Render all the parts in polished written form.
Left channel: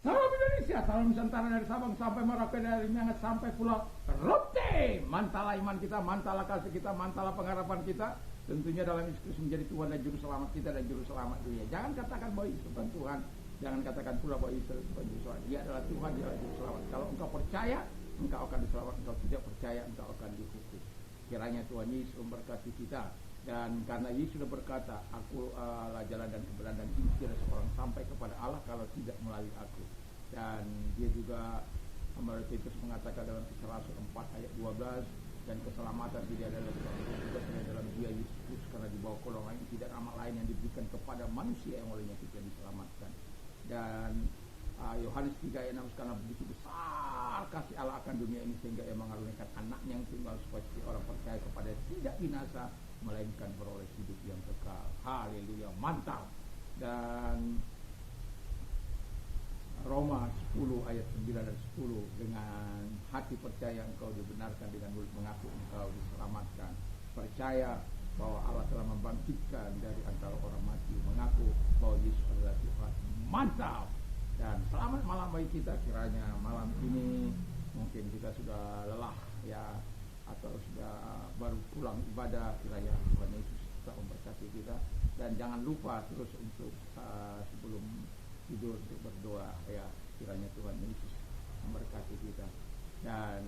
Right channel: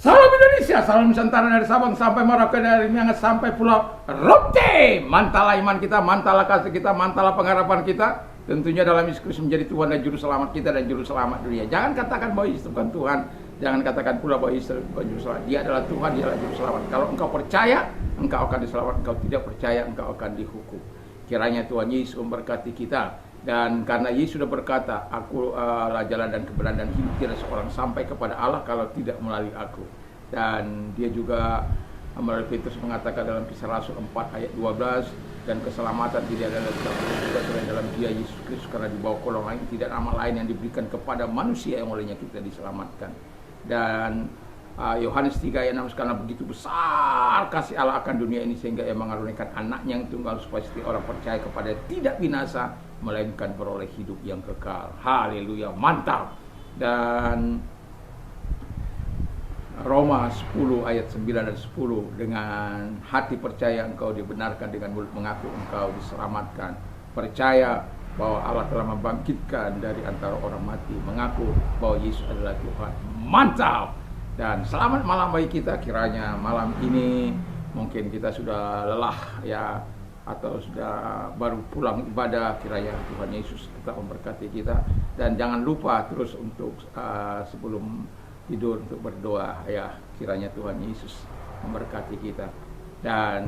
Salam Indonesia, salam Nusantara dari Sabang sampai Merauke, dari Miangas sampai Pulau Rote. Mantala iman kita, mantala kasih kita, mantala pengharapan kita. Tentunya dalam Yesus Kristus menjadi Tuhan dan Juru Selamat kita dan Juru Selamat dunia. Jangan katakan bahwa Yesus bukan Tuhan. Jangan katakan pula bahwa Yesus bukan Juru Selamat. Dia adalah Tuhan, dia adalah Juru Selamat. Kalau engkau percaya, engkau akan diselamatkan. Engkau tidak percaya, engkau akan dihukum. Kiranya Tuhan Yesus memberkati kita. Dan karena Yesus sudah berkata, aku lah jalan dan kebenaran dan hidup, tidak seorang sampai kepada Allah kalau tidak melalui aku. Dan dia juga melalui Petrus mengatakan dalam Kisah Rasul 4 ayat 12, dan keselamatan tidak ada juga selain dalam dia Yesus Kristus, karena di bawah kolong lain tidak nama lain yang diberikan kepada manusia yang olehnya kita diselamatkan. Dan Yohanes 3 ayat 6, karena begitu besar kasih Allah akan dunia ini sehingga ia mengaruniakan anaknya yang tunggal supaya setiap orang percaya kepada tidak binasa melainkan beroleh hidup yang kekal. Haleluya, mantap. Dan Roma 10 ayat 9 dan 10, dengan hati percaya engkau dibenarkan, dengan mulut mengaku engkau diselamatkan. Percaya bahwa Allah telah membangkitkan dari antara orang mati, mengaku bahwa Yesus adalah Tuhan. Mantap. Dan selamat malam bagi kita. Kiranya malam ini mungkin kita sudah lelah ya, atau sudah baru pulang ibadah. Kiranya Tuhan Yesus tetap memberkati kita. Dan jangan lupa terus untuk sebelum tidur untuk berdoa ya, kiranya Tuhan Yesus memberkati kita. Dan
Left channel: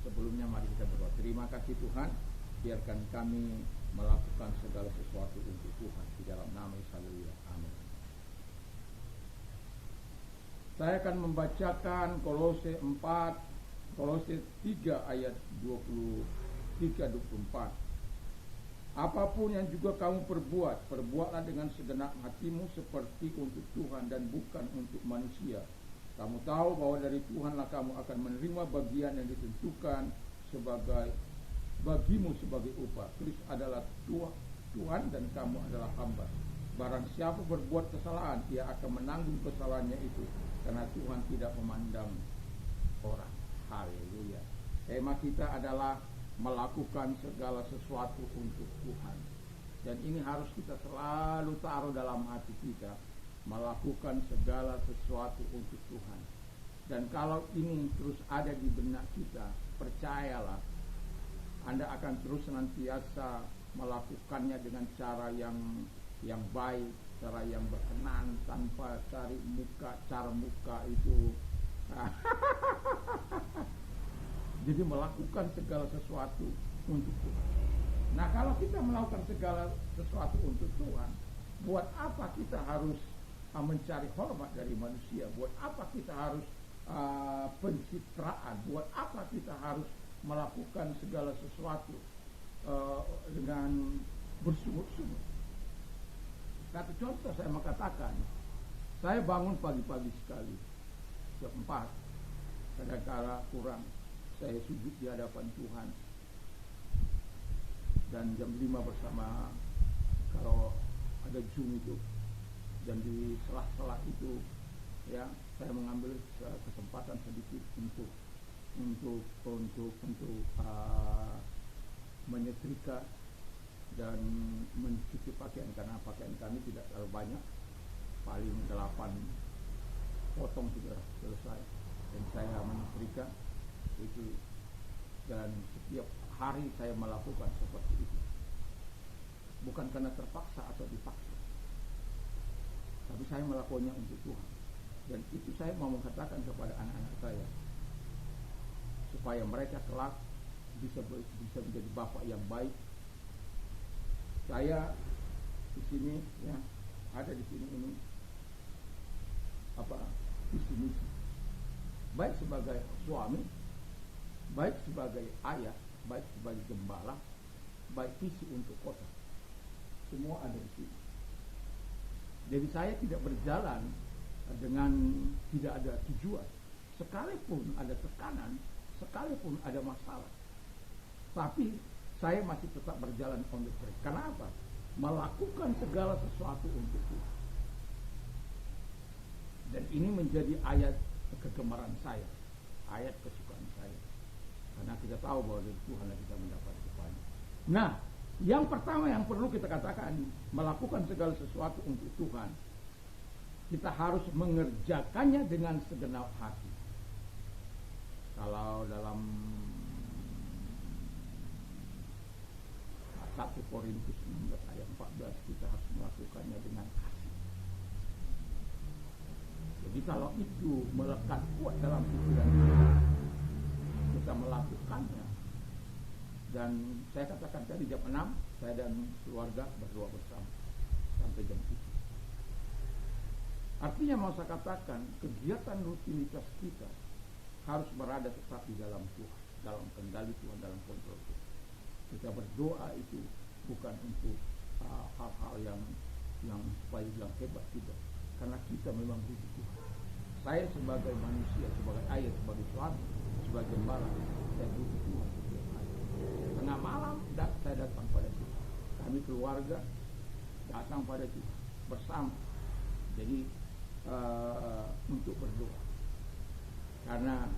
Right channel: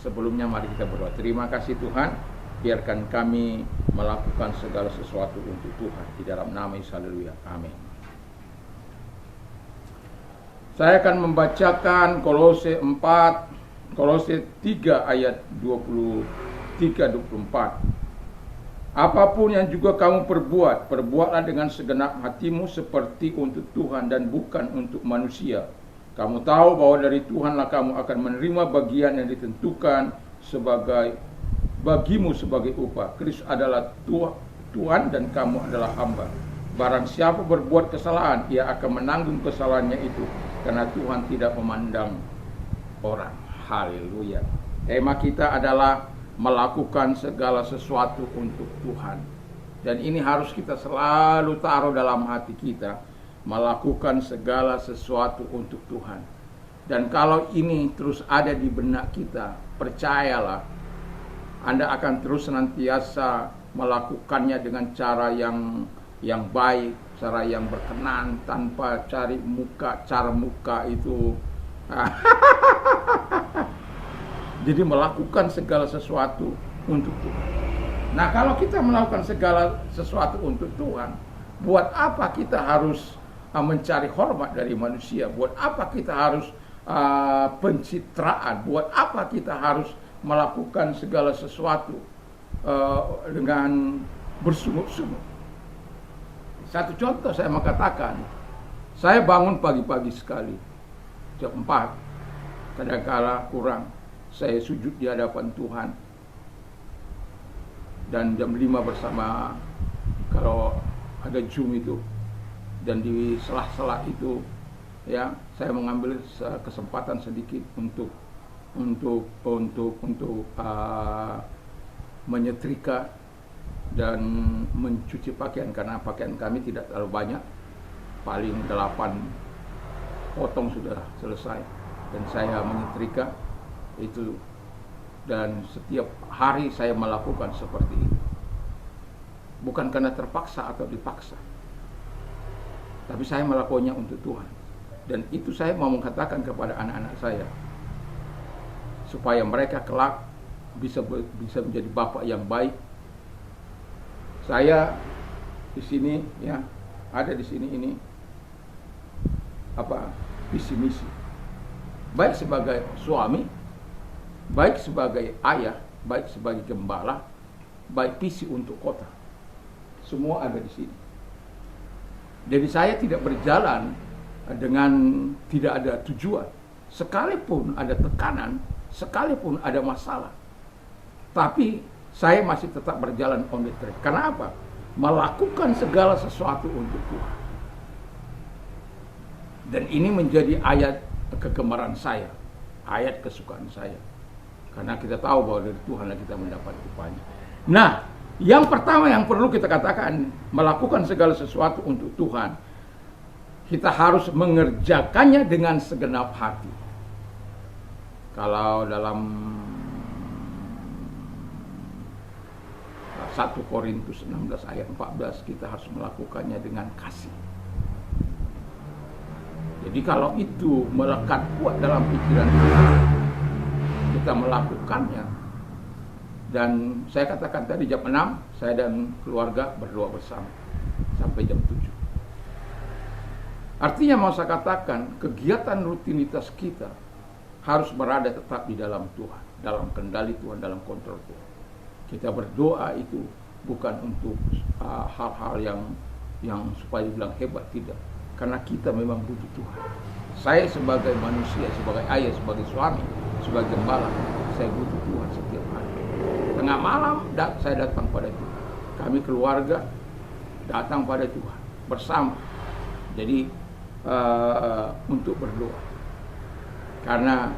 sebelumnya mari kita berdoa. Terima kasih Tuhan, biarkan kami melakukan segala sesuatu untuk Tuhan, di dalam nama Yesus. Haleluya, amin. Saya akan membacakan Kolose 3 ayat 23-24. Apapun yang juga kamu perbuat, perbuatlah dengan segenap hatimu seperti untuk Tuhan dan bukan untuk manusia. Kamu tahu bahwa dari Tuhanlah kamu akan menerima bagian yang ditentukan bagimu sebagai upah. Kristus adalah Tuhan dan kamu adalah hamba. Barang siapa berbuat kesalahan, ia akan menanggung kesalahannya itu, karena Tuhan tidak memandang orang. Haleluya. Tema kita adalah melakukan segala sesuatu untuk Tuhan. Dan ini harus kita selalu taruh dalam hati kita, melakukan segala sesuatu untuk Tuhan. Dan kalau ini terus ada di benak kita, percayalah, Anda akan terus senantiasa melakukannya dengan cara yang baik, cara yang berkenan, tanpa cari cara muka itu. Jadi melakukan segala sesuatu untuk Tuhan. Nah, kalau kita melakukan segala sesuatu untuk Tuhan, buat apa kita harus mencari hormat dari manusia? Buat apa kita harus pencitraan? Buat apa kita harus melakukan segala sesuatu dengan bersungguh-sungguh? Satu contoh saya mengatakan, saya bangun pagi-pagi sekali, jam 4, kadang-kala kurang. Saya sujud di hadapan Tuhan, dan jam 5 bersama, kalau ada Zoom itu, dan di sela-sela itu ya, saya mengambil kesempatan sedikit untuk menyetrika dan mencuci pakaian, karena pakaian kami tidak terlalu banyak, paling 8 potong sudah selesai, dan saya menyetrika itu. Dan setiap hari saya melakukan seperti itu, bukan karena terpaksa atau dipaksa, tapi saya melakukannya untuk Tuhan. Dan itu saya mau mengatakan kepada anak-anak saya, supaya mereka kelak bisa menjadi bapak yang baik. Saya di sini ya, ada di sini ini visi misi, baik sebagai suami, baik sebagai ayah, baik sebagai gembala, baik visi untuk kota, semua ada di sini. Jadi saya tidak berjalan dengan tidak ada tujuan, sekalipun ada tekanan, sekalipun ada masalah, tapi saya masih tetap berjalan on the track. Karena apa? Melakukan segala sesuatu untuk Tuhan. Dan ini menjadi ayat kegemaran saya, ayat kesukaan saya. Karena kita tahu bahwa dari Tuhanlah kita mendapat upahnya. Nah, yang pertama yang perlu kita katakan, melakukan segala sesuatu untuk Tuhan. Kita harus mengerjakannya dengan segenap hati. Kalau dalam 1 Korintus 16 ayat 14, kita harus melakukannya dengan kasih. Jadi kalau itu melekat kuat dalam pikiran kita melakukannya. Dan saya katakan tadi jam 6, saya dan keluarga berdoa bersama sampai jam 7. Artinya mau saya katakan, kegiatan rutinitas kita harus berada tetap di dalam Tuhan, dalam kendali Tuhan, dalam kontrol Tuhan. Kita berdoa itu bukan untuk hal-hal yang supaya dibilang hebat, tidak. Karena kita memang butuh Tuhan. Saya sebagai manusia, sebagai ayah, sebagai suami, sebagai gembala, saya butuh Tuhan setiap hari. Tengah malam saya datang pada Tuhan. Kami keluarga datang pada Tuhan bersama. Jadi untuk berdoa. Karena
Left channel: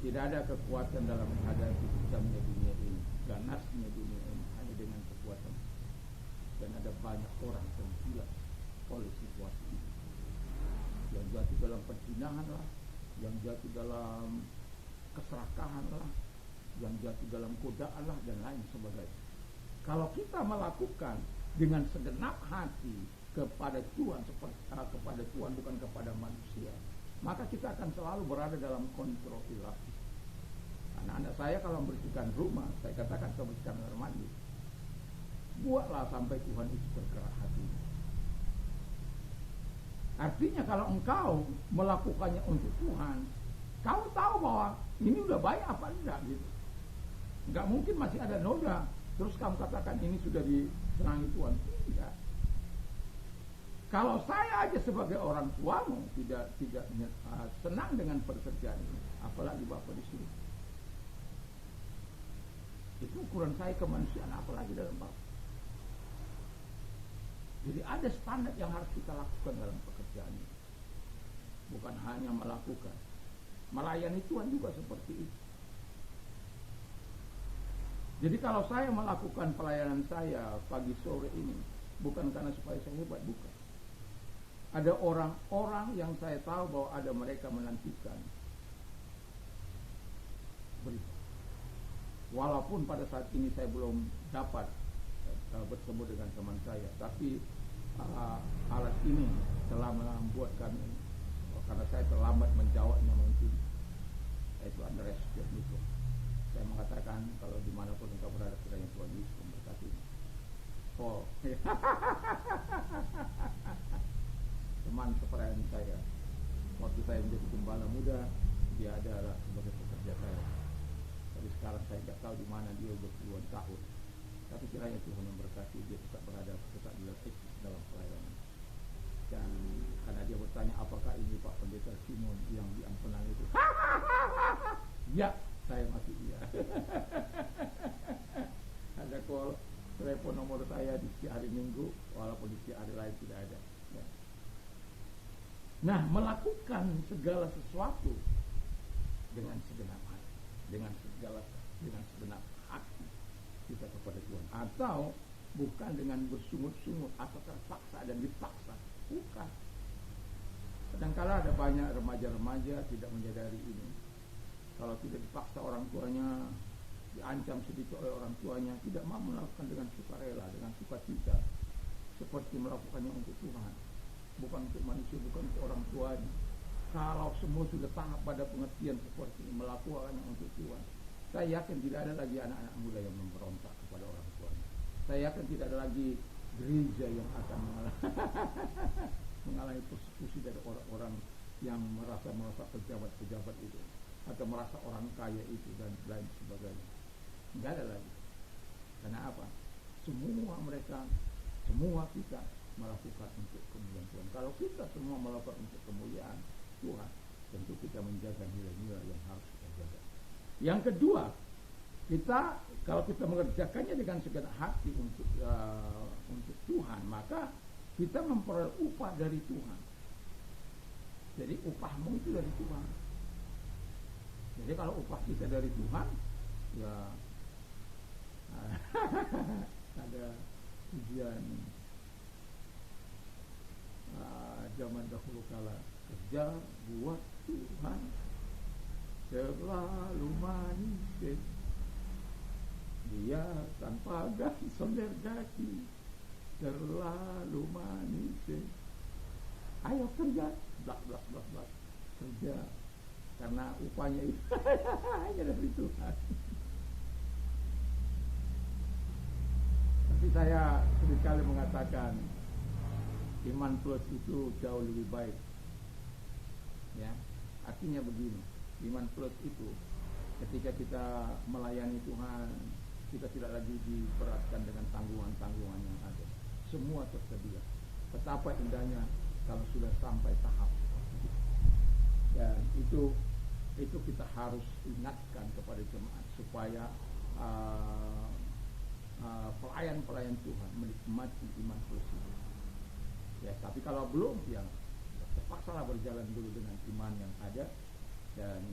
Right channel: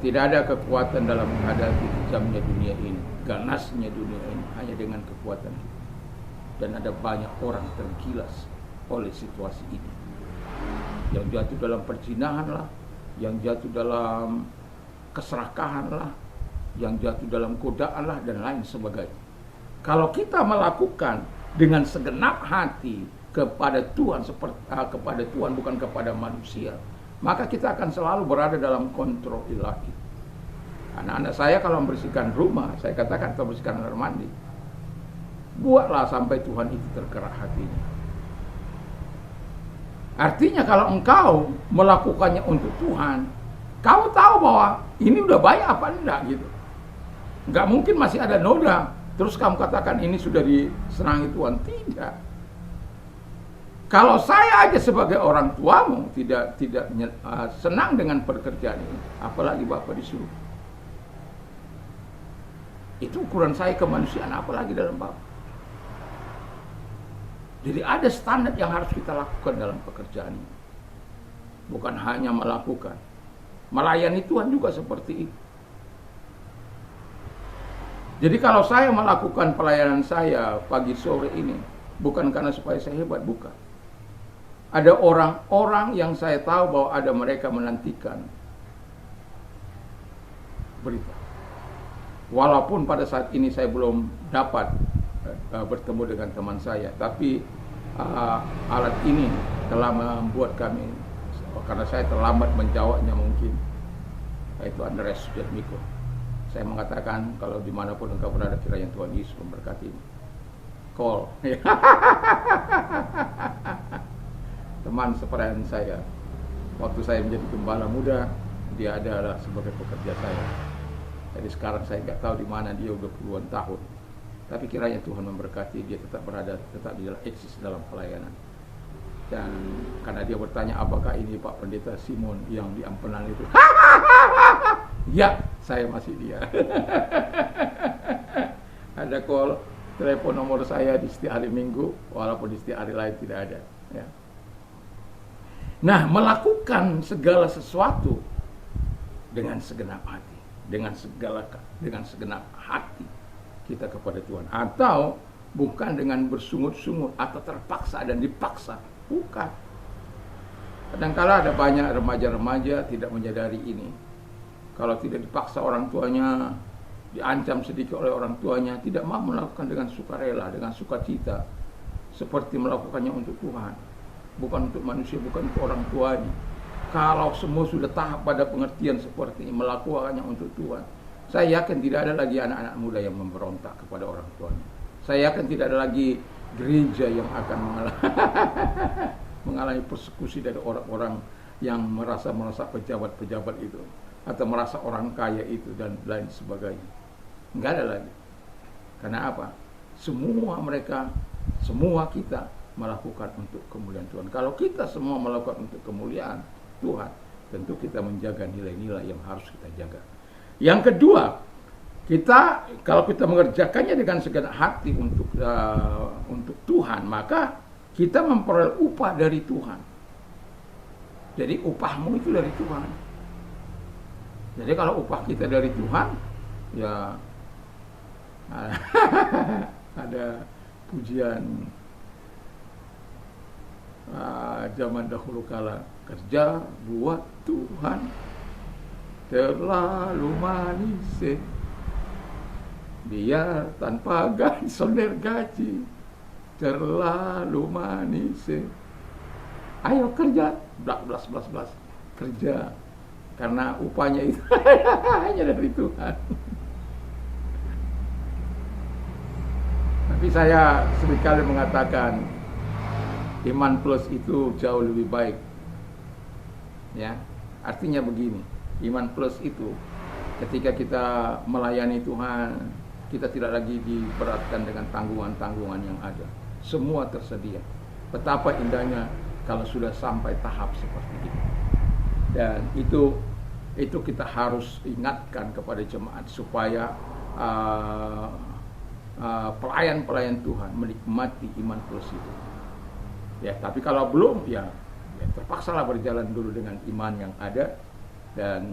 tidak ada kekuatan dalam menghadapi kejamnya dunia ini, ganasnya dunia ini, hanya dengan kekuatan kita. Dan ada banyak orang tergilas oleh situasi ini. Yang jatuh dalam perzinahan lah, yang jatuh dalam keserakahan lah, yang jatuh dalam godaan lah, dan lain sebagainya. Kalau kita melakukan dengan segenap hati kepada Tuhan, kepada Tuhan bukan kepada manusia, maka kita akan selalu berada dalam kontrol ilahi. Anak-anak saya kalau membersihkan rumah, saya katakan kalau membersihkan kamar mandi, buatlah sampai Tuhan itu tergerak hatinya. Artinya kalau engkau melakukannya untuk Tuhan, kamu tahu bahwa ini udah baik apa enggak gitu. Enggak mungkin masih ada noda, terus kamu katakan ini sudah disenangi Tuhan. Tidak. Kalau saya aja sebagai orang tuamu tidak senang dengan pekerjaan ini, apalagi Bapak disuruh. Itu ukuran saya kemanusiaan, apalagi dalam Bapak. Jadi ada standar yang harus kita lakukan dalam pekerjaan ini. Bukan hanya melakukan. Melayani Tuhan juga seperti itu. Jadi kalau saya melakukan pelayanan saya pagi sore ini, bukan karena supaya saya hebat, bukan. Ada orang-orang yang saya tahu bahwa ada mereka menantikan berita. Walaupun pada saat ini saya belum dapat bertemu dengan teman saya, tapi alat ini telah membuat kami, karena saya terlambat menjawabnya mungkin, yaitu Andreas Sujatmiko. Saya mengatakan kalau dimanapun engkau berada, kiranya Tuhan Yesus memberkatimu. Call. Teman seperayaan saya, waktu saya menjadi gembala muda, dia adalah sebagai pekerja saya. Jadi sekarang saya nggak tahu di mana dia, udah puluhan tahun. Tapi kiranya Tuhan memberkati dia, tetap berada, tetap di dalam eksis dalam pelayanan. Dan karena dia bertanya, apakah ini Pak Pendeta Simon yang di Ampenan itu? Ya, saya masih dia. Ada call, telepon nomor saya di setiap hari Minggu, walaupun di setiap hari lain tidak ada. Ya. Nah, melakukan segala sesuatu dengan segenap hati, dengan segenap hati kita kepada Tuhan, atau bukan dengan bersungut-sungut atau terpaksa dan dipaksa, bukan. Kadang-kala ada banyak remaja-remaja tidak menyadari ini. Kalau tidak dipaksa orang tuanya, diancam sedikit oleh orang tuanya, tidak mau melakukan dengan sukarela, dengan sukacita, seperti melakukannya untuk Tuhan, bukan untuk manusia, bukan untuk orang tuanya. Kalau semua sudah tahap pada pengertian seperti ini, melakukannya untuk Tuhan, saya yakin tidak ada lagi anak-anak muda yang memberontak kepada orang tuanya. Saya yakin tidak ada lagi gereja yang akan mengalami persekusi dari orang-orang yang merasa pejabat-pejabat itu, atau merasa orang kaya itu, dan lain sebagainya. Enggak ada lagi. Karena apa? Semua mereka, semua kita melakukan untuk kemuliaan Tuhan. Kalau kita semua melakukan untuk kemuliaan Tuhan, tentu kita menjaga nilai-nilai yang harus kita jaga. Yang kedua, kalau kita mengerjakannya dengan segenap hati untuk Tuhan, maka kita memperoleh upah dari Tuhan. Jadi upahmu itu dari Tuhan. Jadi kalau upah kita dari Tuhan, ya ada pujian Zaman dahulu kala kerja buat Tuhan terlalu manis, biar tanpa gaji sonder gaji terlalu manis. Ayo kerja, blas kerja, karena upahnya itu hanya dari Tuhan. Tapi saya seringkali mengatakan iman plus itu jauh lebih baik. Ya, artinya begini, iman plus itu ketika kita melayani Tuhan, kita tidak lagi diberatkan dengan tanggungan-tanggungan yang ada. Semua tersedia. Betapa indahnya kalau sudah sampai tahap seperti itu. Dan itu kita harus ingatkan kepada jemaat supaya pelayan-pelayan Tuhan menikmati iman plus itu. Ya, tapi kalau belum, ya terpaksalah berjalan dulu dengan iman yang ada, dan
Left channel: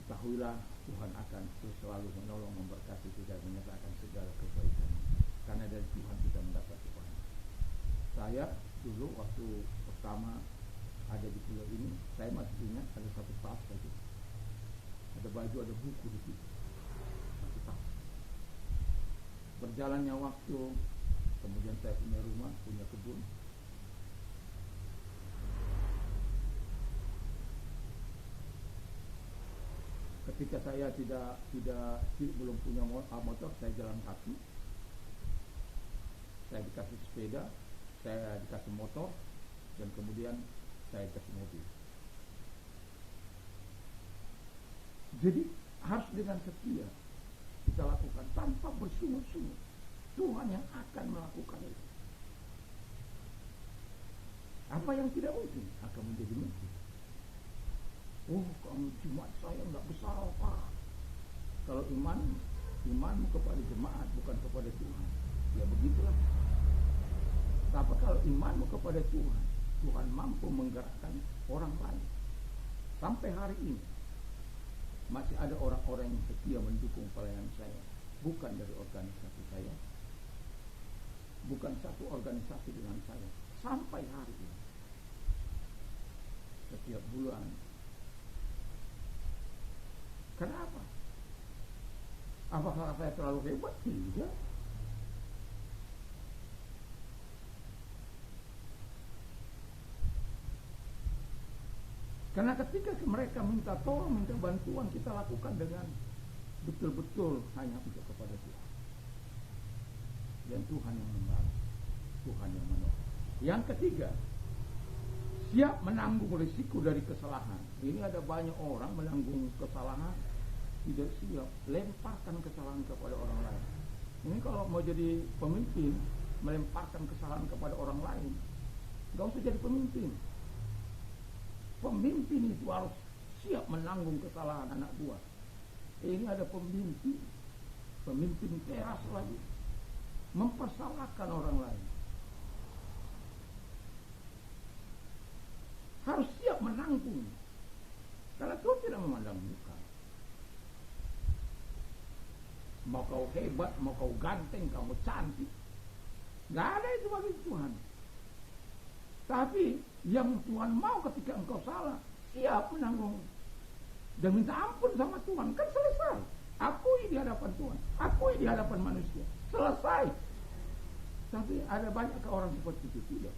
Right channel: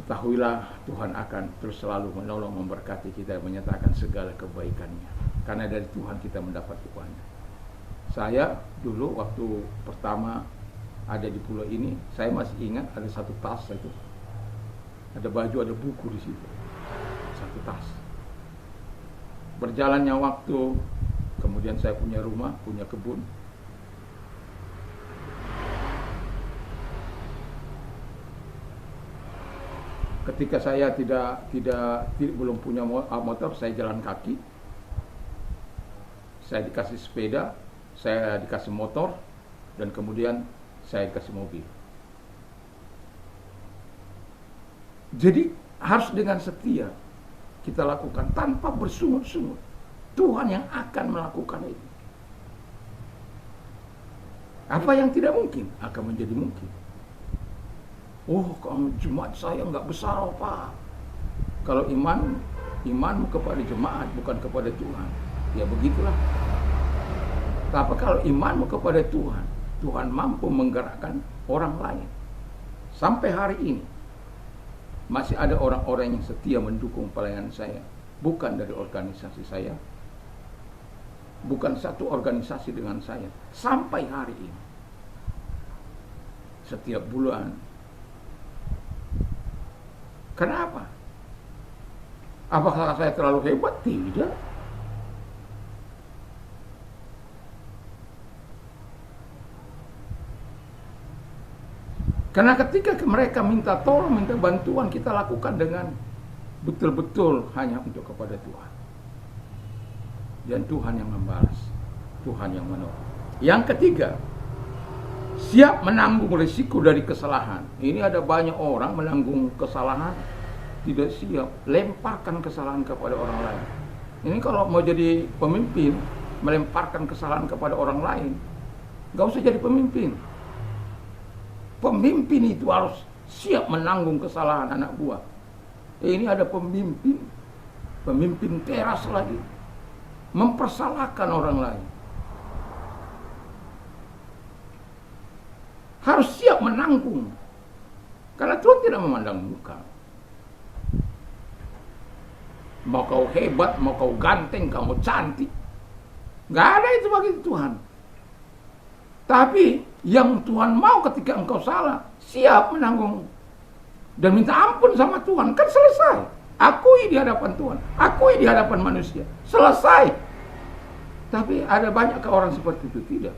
ketahuilah Tuhan akan terus selalu menolong, memberkati kita, menyatakan segala kebaikannya. Karena dari Tuhan kita mendapat upahnya. Saya dulu waktu pertama ada di pulau ini, saya masih ingat ada satu tas itu, ada baju, ada buku di situ, satu tas. Berjalannya waktu, kemudian saya punya rumah, punya kebun. Ketika saya belum punya motor, saya jalan kaki. Saya dikasih sepeda, saya dikasih motor, dan kemudian saya dikasih mobil. Jadi harus dengan setia kita lakukan tanpa bersungut-sungut. Tuhan yang akan melakukan itu. Apa yang tidak mungkin akan menjadi mungkin. Oh, kalau jemaat saya nggak besar, Pak. Kalau imanmu kepada jemaat bukan kepada Tuhan, ya begitulah. Tapi kalau imanmu kepada Tuhan, Tuhan mampu menggerakkan orang lain. Sampai hari ini masih ada orang-orang yang setia mendukung pelayanan saya, bukan dari organisasi saya, bukan satu organisasi dengan saya, sampai hari ini. Setiap bulan. Kenapa? Apakah saya terlalu hebat? Tidak. Karena ketika mereka minta tolong, minta bantuan, kita lakukan dengan betul-betul hanya untuk kepada Tuhan. Dan Tuhan yang membalas, Tuhan yang menolong. Yang ketiga, siap menanggung risiko dari kesalahan. Ini ada banyak orang menanggung kesalahan, tidak siap, lemparkan kesalahan kepada orang lain. Ini kalau mau jadi pemimpin, melemparkan kesalahan kepada orang lain, gak usah jadi pemimpin. Pemimpin itu harus siap menanggung kesalahan anak buah. Ini ada pemimpin teras lagi, mempersalahkan orang lain. Harus siap menanggung, karena Tuhan tidak memandang muka. Mau kau hebat, mau kau ganteng, kamu cantik, gak ada itu bagi Tuhan. Tapi yang Tuhan mau ketika engkau salah, siap menanggung dan minta ampun sama Tuhan, kan selesai. Akui di hadapan Tuhan, akui di hadapan manusia, selesai. Tapi ada banyak orang seperti itu, tidak.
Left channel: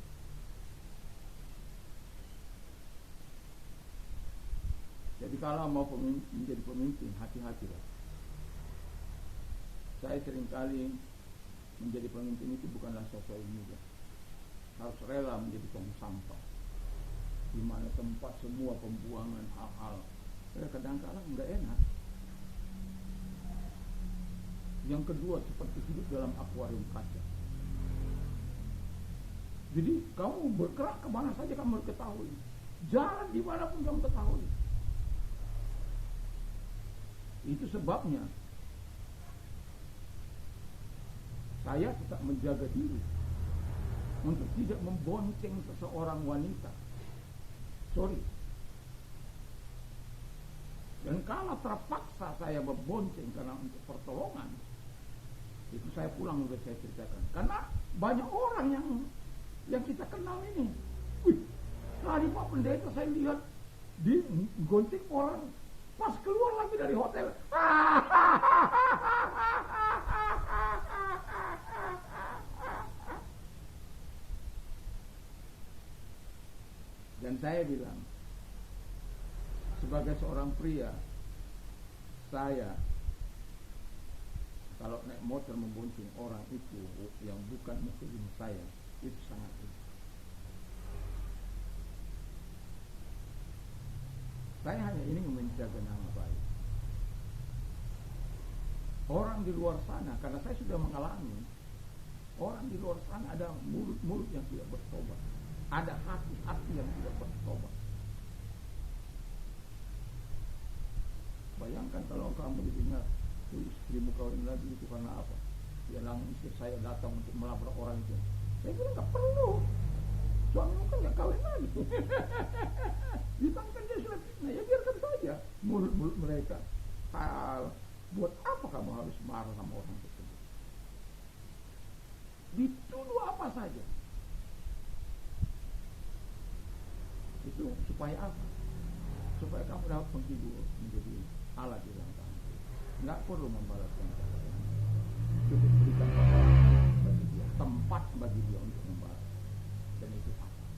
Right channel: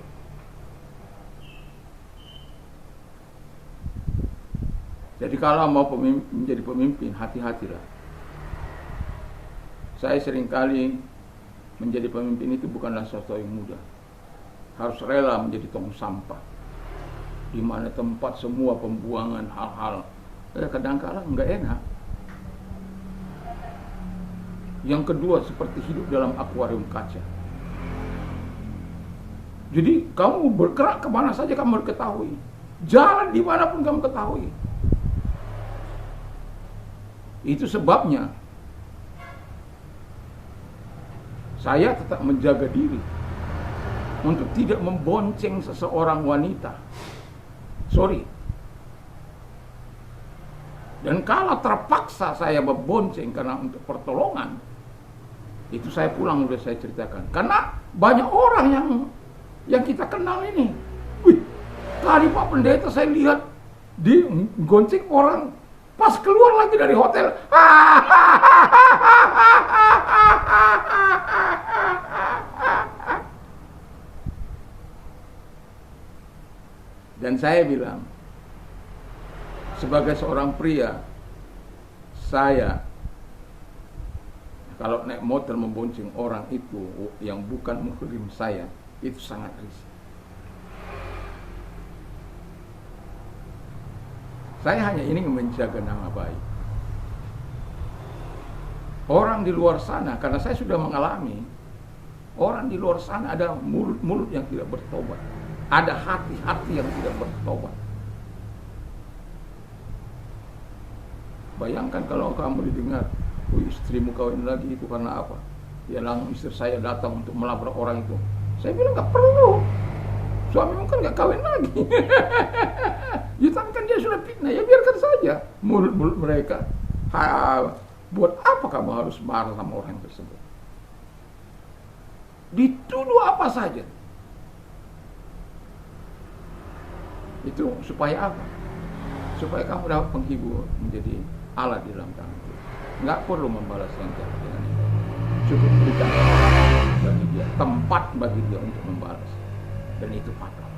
Jadi kalau mau menjadi pemimpin, hati-hatilah. Saya seringkali menjadi pemimpin itu bukanlah sesuatu yang mudah. Harus rela menjadi tong sampah, di mana tempat semua pembuangan hal-hal kadang-kadang nggak enak. Yang kedua, seperti hidup dalam akuarium kaca. Jadi kamu bergerak kemana saja kamu ketahui, jalan dimanapun kamu ketahui. Itu sebabnya saya tetap menjaga diri untuk tidak membonceng seseorang wanita. Sorry. Dan kalau terpaksa saya membonceng karena untuk pertolongan, itu saya pulang, udah saya ceritakan. Karena banyak orang yang yang kita kenal ini. Wih, tadi Pak Pendeta saya lihat di gonceng orang pas keluar lagi dari hotel. Dan saya bilang, sebagai seorang pria, saya kalau naik motor membonceng orang itu yang bukan muhrim saya, itu sangat risiko. Saya hanya ingin menjaga nama baik orang di luar sana, karena saya sudah mengalami orang di luar sana ada mulut-mulut yang tidak bertobat, ada hati-hati yang tidak bertobat. Bayangkan kalau kamu didengar, istrimu kawin lagi itu karena apa? Ya langsung istri saya datang untuk melabrak orang itu. Saya bilang nggak perlu, suamimu kan nggak kawin lagi. Ya kan dia sudah fitnah, ya biarkan saja mulut-mulut mereka. Buat apa kamu harus marah sama orang tersebut? Dituduh apa saja. Itu supaya apa? Supaya kamu dapat penghibur, menjadi Allah di dalam tangan kita. Nggak perlu membalas yang jahat dengan itu. Cukup berikan bagi dia, tempat bagi dia untuk membalas. Dan itu fatal.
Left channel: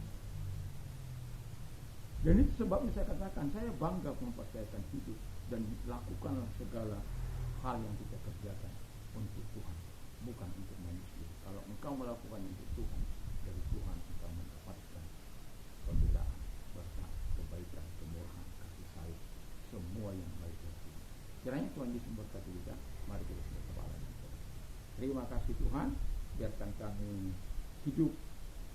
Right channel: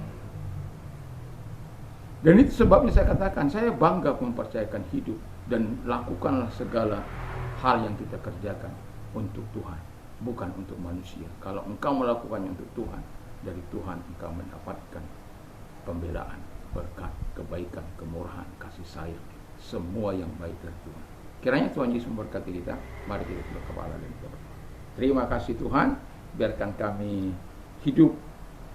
Dan itu sebabnya saya katakan, saya bangga mempercayakan hidup dan lakukanlah segala hal yang kita kerjakan untuk Tuhan, bukan untuk manusia. Kalau engkau melakukannya untuk Tuhan, dari Tuhan engkau mendapatkan pembelaan, berkat, kebaikan, kemurahan, kasih sayang, semua yang baik dari Tuhan. Kiranya Tuhan Yesus memberkati kita. Mari kita tunduk kepala dan kita berdoa. Terima kasih Tuhan, biarkan kami hidup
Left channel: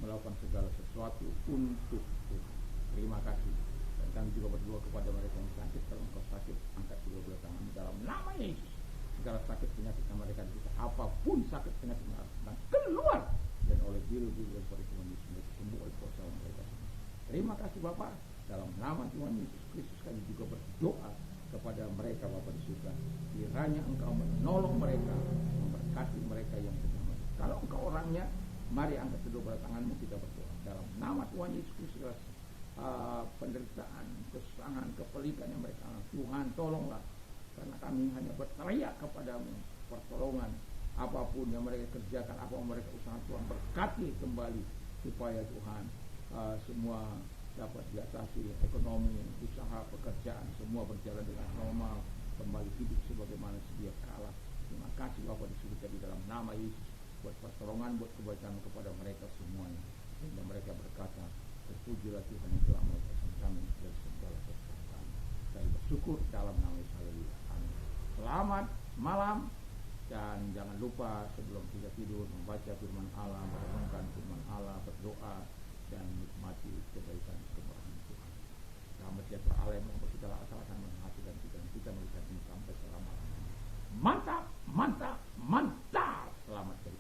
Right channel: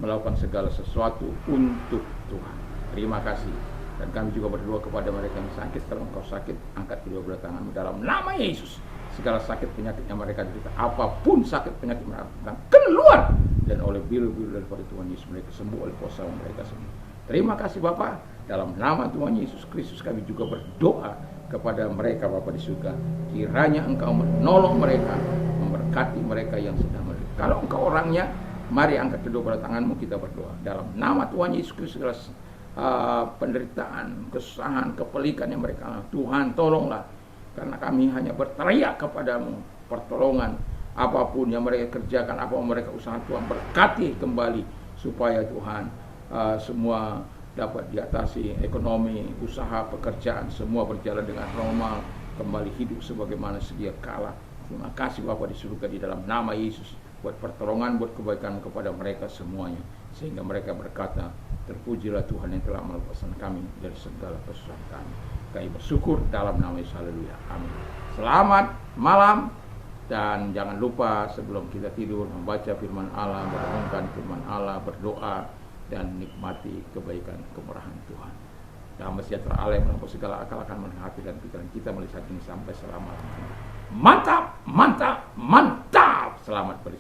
melakukan segala sesuatu untuk Tuhan. Terima kasih. Dan kami juga berdoa kepada mereka yang sakit. Kalau engkau sakit, angkat kedua belah tanganmu dalam nama Yesus. Segala sakit penyakit yang mereka derita, apapun sakit penyakit mereka, keluar. Dan oleh biru-biru daripada Tuhan Yesus mereka sembuh, oleh kuasa mereka sembuh. Terima kasih Bapa. Dalam nama Tuhan Yesus Kristus kami juga berdoa kepada mereka Bapa di surga. Kiranya engkau menolong mereka, memberkati mereka yang sedang menderita. Kalau engkau orangnya, mari angkat kedua belah tanganmu, kita berdoa. Dalam nama Tuhan Yesus Kristus, penderitaan, kesusahan, kepelikan yang mereka alami, Tuhan tolonglah. Karena kami hanya berteriak kepadamu pertolongan. Apapun yang mereka kerjakan, apapun mereka usaha, Tuhan berkati kembali. Supaya Tuhan semua dapat diatasi, ekonomi, usaha, pekerjaan, semua berjalan dengan normal, kembali hidup sebagaimana sedia kala. Terima kasih Bapa di surga, di dalam nama Yesus, buat pertolongan, buat kebaikan kepada mereka semuanya. Sehingga mereka berkata, terpujilah Tuhan yang telah melepaskan kami dari segala kesusahan kami. Kami bersyukur dalam nama Yesus, haleluya, amin. Selamat malam, dan jangan lupa sebelum kita tidur membaca firman Allah, merenungkan firman Allah, berdoa, dan nikmati kebaikan kemurahan Tuhan. Damai sejahtera Allah yang melampaui segala akal akan memenuhi hati dan pikiran kita mulai saat ini sampai selama. Mantap, mantap, mantap. Selamat beristirahat.